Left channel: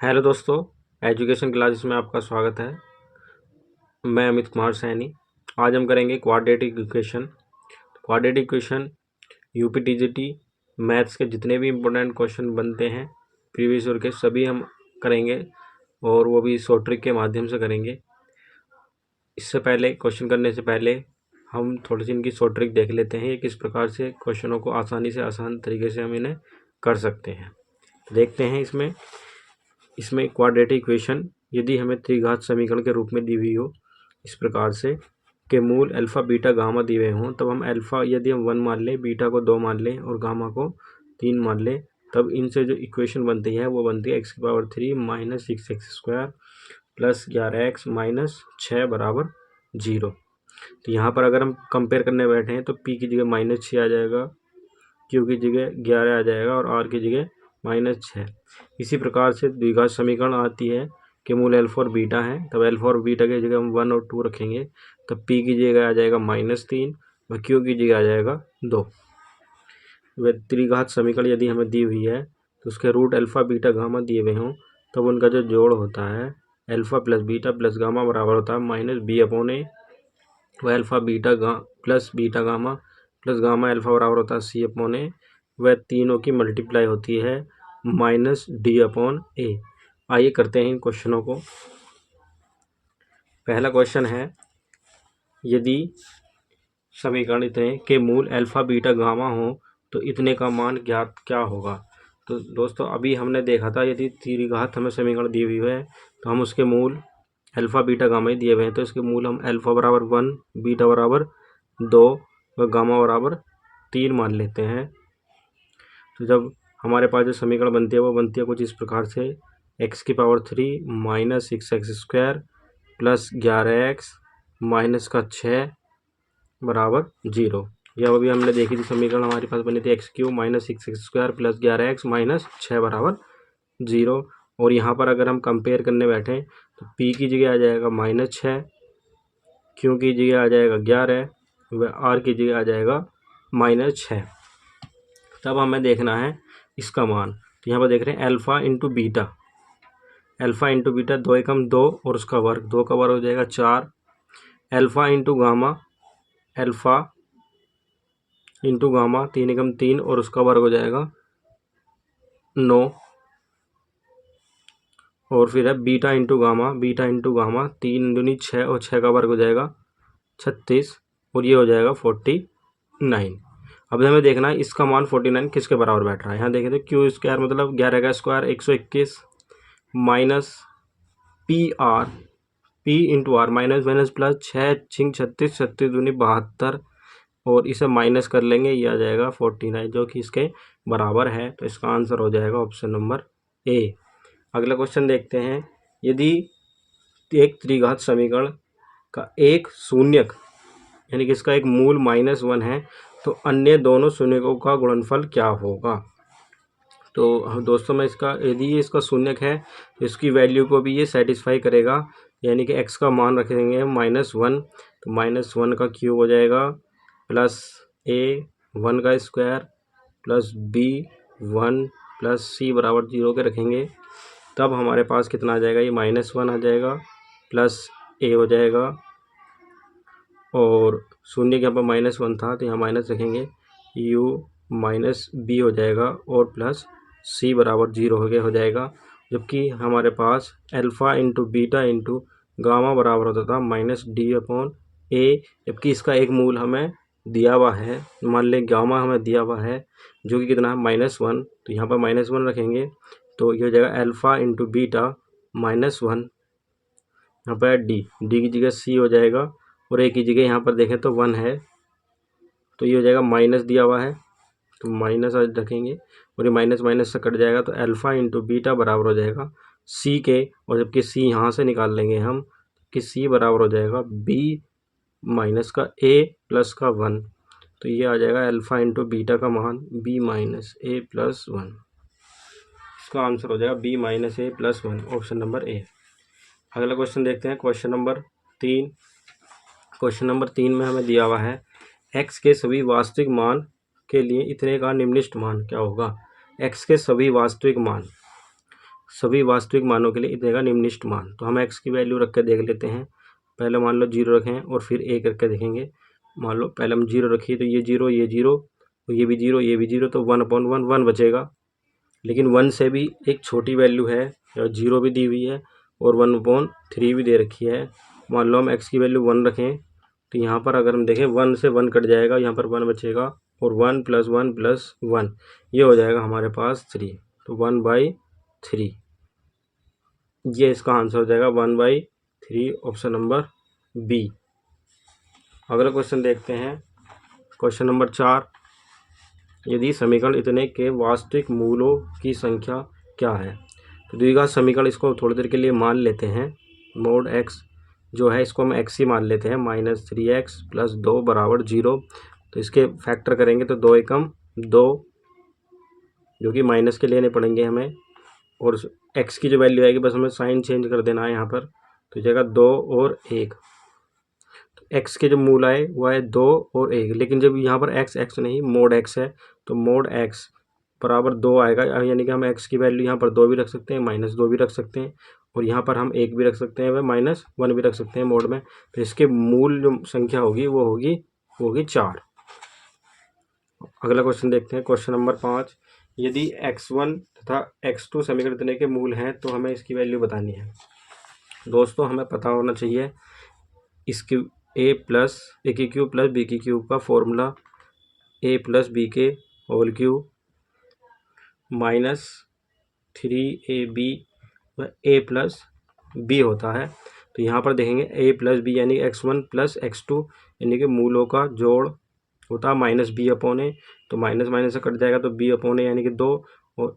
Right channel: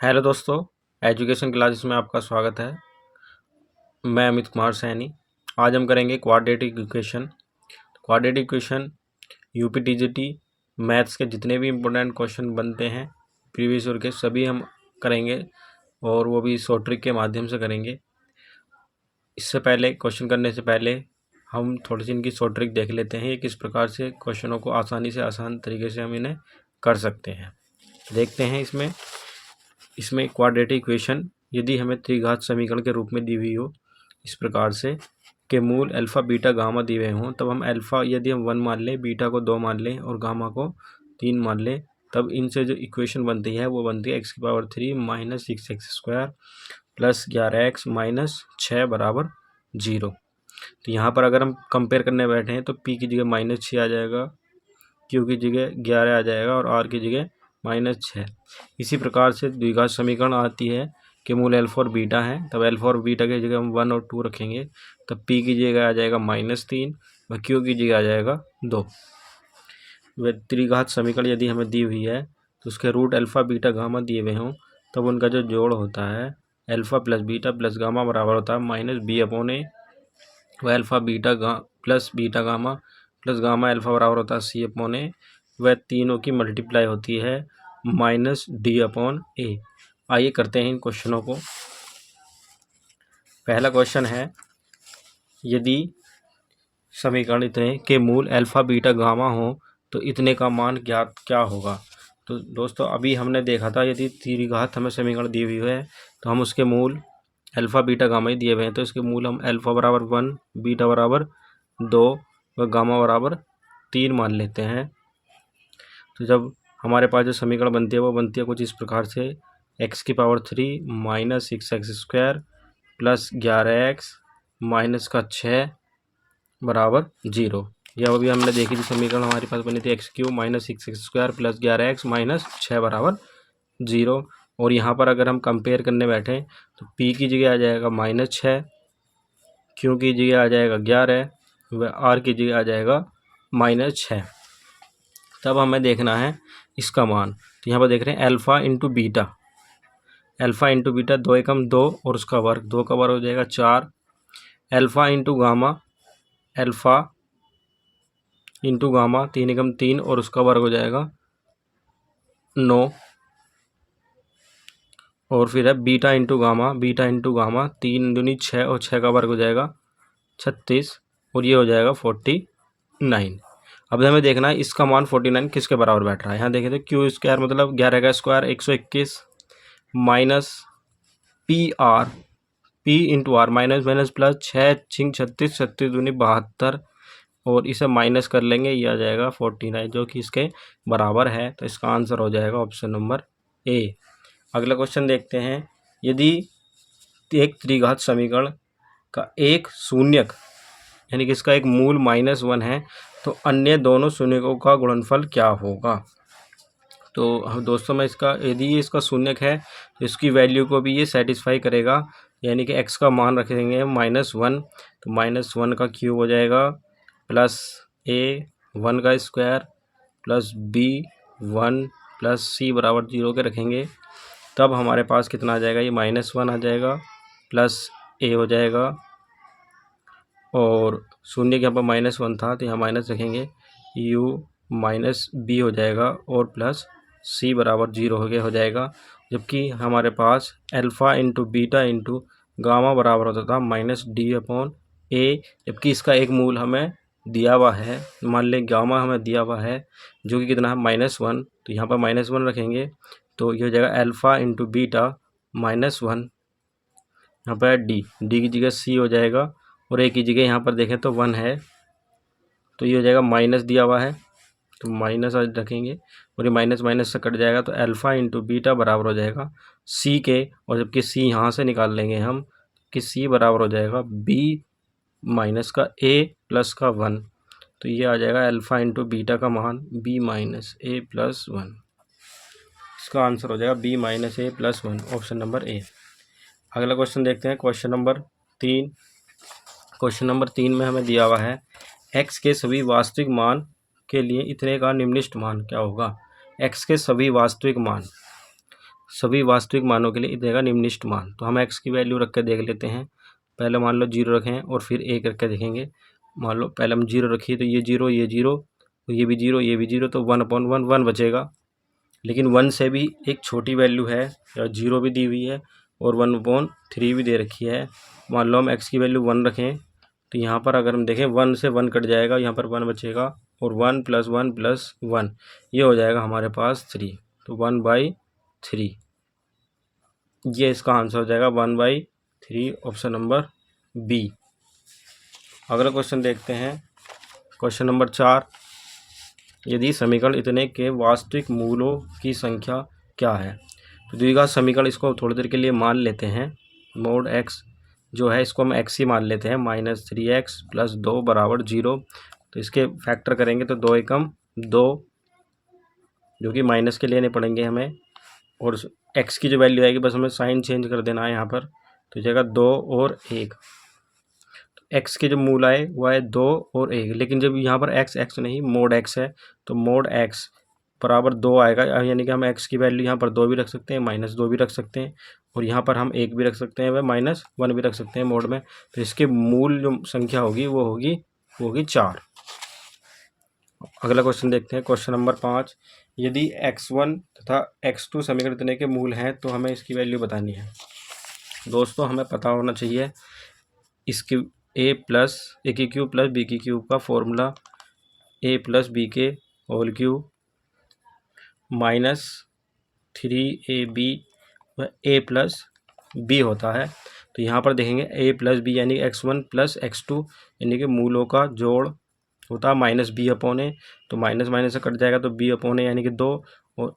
Hello दोस्तों, education classes में आपका स्वागत है। मैं अमित कुमार सैनी। आज हम करेंगे quadratic equation. Quadratic equation UPTGT maths के जितने भी इम्पोर्टेंट क्वेश्चन बनते हैं प्रीवियस ईयर के सभी हम करेंगे, और वो भी शॉर्ट ट्रिक के माध्यम से करेंगे। इससे पहले क्वेश्चन करने से पहले हम थोड़ी सी इनकी शॉर्ट ट्रिक देख लेते हैं, ये किस प्रकार से क्वेश्चनों को आसानी से आसान तरीके से हम इन्हें कर सकते हैं। देखते हैं इसमें क्वाड्रेटिक इक्वेशन यदि हमें त्रिघात समीकरण के रूप में दी हुई हो इस प्रकार से के मूल अल्फ़ा बीटा गामा दिए हुए हों, तब हम अल्फ़ा यदि हम 1 मान लें, बीटा को 2 मान लें और गामा को 3 मान लें, तब इनसे जो इक्वेशन बनती है वो बनती है एक्स की power 3 minus 6x² plus 11x minus 6 बराबर 0। तो यहाँ पर अगर हम कंपेयर करने बैठे हैं तो पी की जगह -6 आ जाएगा, क्यू की जगह 11 आ जाएगा और आर की जगह -6। इसी प्रकार से द्विघात समीकरण आती है कि मूल अल्फा और बीटा है, तब अल्फा और बीटा की जगह हम 1 और 2 रखेंगे, तब पी की जगह आ जाएगा -3 व क्यू की जगह आ जाएगा 2। वह त्रिघात समीकरण यदि हमें दी हुई है तो उसके रूट अल्फा बीटा गामा दिए हुए हों, तब उनका जो जोड़ होता है alpha plus beta plus gamma बराबर होता है -b/a। वह alpha beta plus beta gamma plus gamma alpha बराबर होता है c/a। वह तीनों की मल्टीप्लाई होती है -d/a। आइए करते हैं इन क्वेश्चनों को। पहला क्वेश्चन है, यदि समीकरण इतने के मूल अल्फा बीटा गामा हो तो इतने का मान ज्ञात क्या होगा। तो दोस्तों अभी हमने देखा था यदि त्रिघात हमें समीकरण दी हुई है तो हम उसके मूल अल्फा बीटा गामा ही दिए हुए हैं, तो इसके मूल हम अल्फा बराबर 1, बीटा बराबर 2 व गामा बराबर 3 मान लेते हैं। तो जब हमारे पास जो समीकरण बनती है वो बनती है कुछ इस प्रकार से, एक्स की power 3 minus 6x² plus 11x minus का 6 बराबर 0। यह अभी हमने देखी थी समीकरण हमारे पास बनी थी x³ minus 6x² plus 11x minus 6 बराबर 0। और यहाँ पर अगर हम कंपेयर करने बैठें तो p की जगह आ जाएगा -6, q की जगह आ जाएगा 11 व r की जगह आ जाएगा -6। तब हमें देखना है इसका मान। तो यहाँ पर देख रहे हैं alpha into beta, alpha into beta 2 एकम 2 और उसका वर्ग, 2 का वर्ग हो जाएगा 4। Alpha into gamma, alpha into gamma 3 एकम 3 और उसका वर्ग हो जाएगा 9। और फिर है beta into gamma, beta into gamma 3 दूनी 6 और 6 का वर्ग हो जाएगा 36 और ये हो जाएगा 49। अब हमें देखना है इसका मान 49 किसके बराबर बैठ रहा है। यहाँ देखें तो क्यू² मतलब 11 का square 121 minus p into r minus minus plus 6 छिंग 36, 36 दूनी 72 और इसे माइनस कर लेंगे, ये आ जाएगा 49 जो कि इसके बराबर है। तो इसका आंसर हो जाएगा ऑप्शन नंबर ए। अगला क्वेश्चन देखते हैं, यदि एक त्रिघात समीकरण का एक शून्यक यानी कि इसका एक मूल -1 है तो अन्य दोनों शून्यकों का गुणनफल क्या होगा। तो दोस्तों मैं इसका यदि ये इसका शून्यक है तो इसकी वैल्यू को भी ये सेटिस्फाई करेगा, यानी कि x का मान रखेंगे हम -1, तो -1 का क्यूब हो जाएगा प्लस a 1 का square plus b 1 plus c बराबर 0 के रखेंगे, तब हमारे पास कितना आ जाएगा, ये -1 आ जाएगा प्लस a हो जाएगा और शून्य के यहाँ पर -1 था तो यहाँ माइनस रखेंगे, u माइनस b हो जाएगा और प्लस c बराबर 0 हो जाएगा। जबकि हमारे पास alpha into beta into gamma बराबर होता था -d/a, जबकि इसका एक मूल हमें दिया हुआ है, मान लें गामा हमें दिया हुआ है जो कि कितना है -1, तो यहाँ पर -1 रखेंगे तो ये हो जाएगा अल्फ़ा इंटू बीटा -1, यहाँ पर d की जगह c हो जाएगा और a की जगह यहाँ पर देखें तो 1 है, तो ये हो जाएगा माइनस दिया हुआ है तो माइनस आज रखेंगे और ये माइनस माइनस से कट जाएगा, तो अल्फ़ा इंटू बीटा बराबर हो जाएगा c के, और जबकि c यहाँ से निकाल लेंगे हम कि c बराबर हो जाएगा b माइनस का a प्लस का 1, तो ये आ जाएगा अल्फ़ा इंटू बीटा का मान b माइनस a प्लस 1। इसका आंसर हो जाएगा b minus a plus 1, option number A. अगला क्वेश्चन देखते हैं, क्वेश्चन नंबर 3। क्वेश्चन नंबर 3 में हमें दिया हुआ है x के सभी वास्तविक मान के लिए इतने का निम्नलिखित मान क्या होगा। x के सभी वास्तविक मान, सभी वास्तविक मानों के लिए देगा निम्नलिखित मान। तो हम एक्स की वैल्यू रख के देख लेते हैं। पहले मान लो 0 रखें और फिर 1 रख के देखेंगे। मान लो पहले हम 0 रखिए तो ये 0, ये 0, तो ये भी 0, ये भी 0, तो 1/1 1 बचेगा। लेकिन 1 से भी एक छोटी वैल्यू है, 0 भी दी हुई है और 1/3 भी दे रखी है। मान लो हम एक्स की वैल्यू 1 रखें तो यहाँ पर अगर हम देखें 1 से 1 कट जाएगा, यहाँ पर 1 बचेगा और 1 + 1 + 1 ये हो जाएगा हमारे पास 3। तो 1/3 ये इसका आंसर हो जाएगा 1/3, ऑप्शन नंबर बी। अगला क्वेश्चन देखते हैं, क्वेश्चन नंबर 4। यदि समीकरण इतने के वास्तविक मूलों की संख्या क्या है। तो द्विघात समीकरण, इसको थोड़ी देर के लिए मान लेते हैं। मोड एक्स जो है इसको हम एक्स ही मान लेते हैं। -3x + 2 = 0। तो इसके फैक्टर करेंगे तो 2 एकम 2, जो कि माइनस के लेने पड़ेंगे हमें। और एक्स की जो वैल्यू आएगी बस हमें साइन चेंज कर देना है यहाँ पर। तो जाएगा 2 और 1। तो एक्स के जो मूल आए वो आए 2 और 1। लेकिन जब यहाँ पर एक्स नहीं मोड एक्स है तो मोड एक्स बराबर 2 आएगा। यानी कि हम एक्स की वैल्यू यहाँ पर 2 भी रख सकते हैं, -2 भी रख सकते हैं और यहाँ पर हम 1 भी रख सकते हैं, वह -1 भी रख सकते हैं मोड में। तो इसके मूल जो संख्या होगी वो होगी 4। अगला क्वेश्चन देखते हैं, क्वेश्चन नंबर 5। यदि x1 तथा x2 समीकरण इतने के मूल हैं तो हमें इसकी वैल्यू बतानी है। दोस्तों हमें पता होना चाहिए इसकी a+a³ + b³ का formula a + b² -3ab a + b होता है। तो यहाँ पर देखेंगे a + b यानी x1 + x2 यानी कि मूलों का जोड़ होता है -b/a। तो माइनस से कट जाएगा तो b/a यानी कि 2 और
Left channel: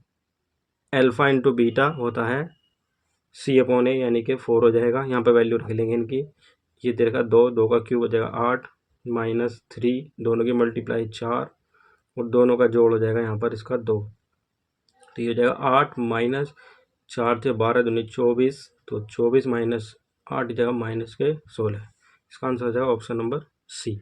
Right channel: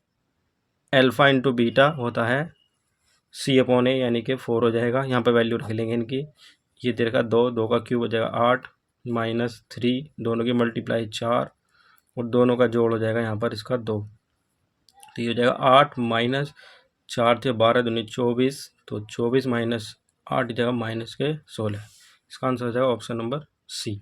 अल्फा × बीटा होता है c/a यानी कि 4 हो जाएगा। यहाँ पर वैल्यू रख लेंगे इनकी। ये दे रखा 2, 2 का क्यूब हो जाएगा 8, -3 दोनों की मल्टीप्लाई 4 और दोनों का जोड़ हो जाएगा यहाँ पर इसका 2। तो ये हो जाएगा 8 - 4 थे 12 दूनी 24, तो 24 - 8 की जगह -16। इसका आंसर हो जाएगा ऑप्शन नंबर सी।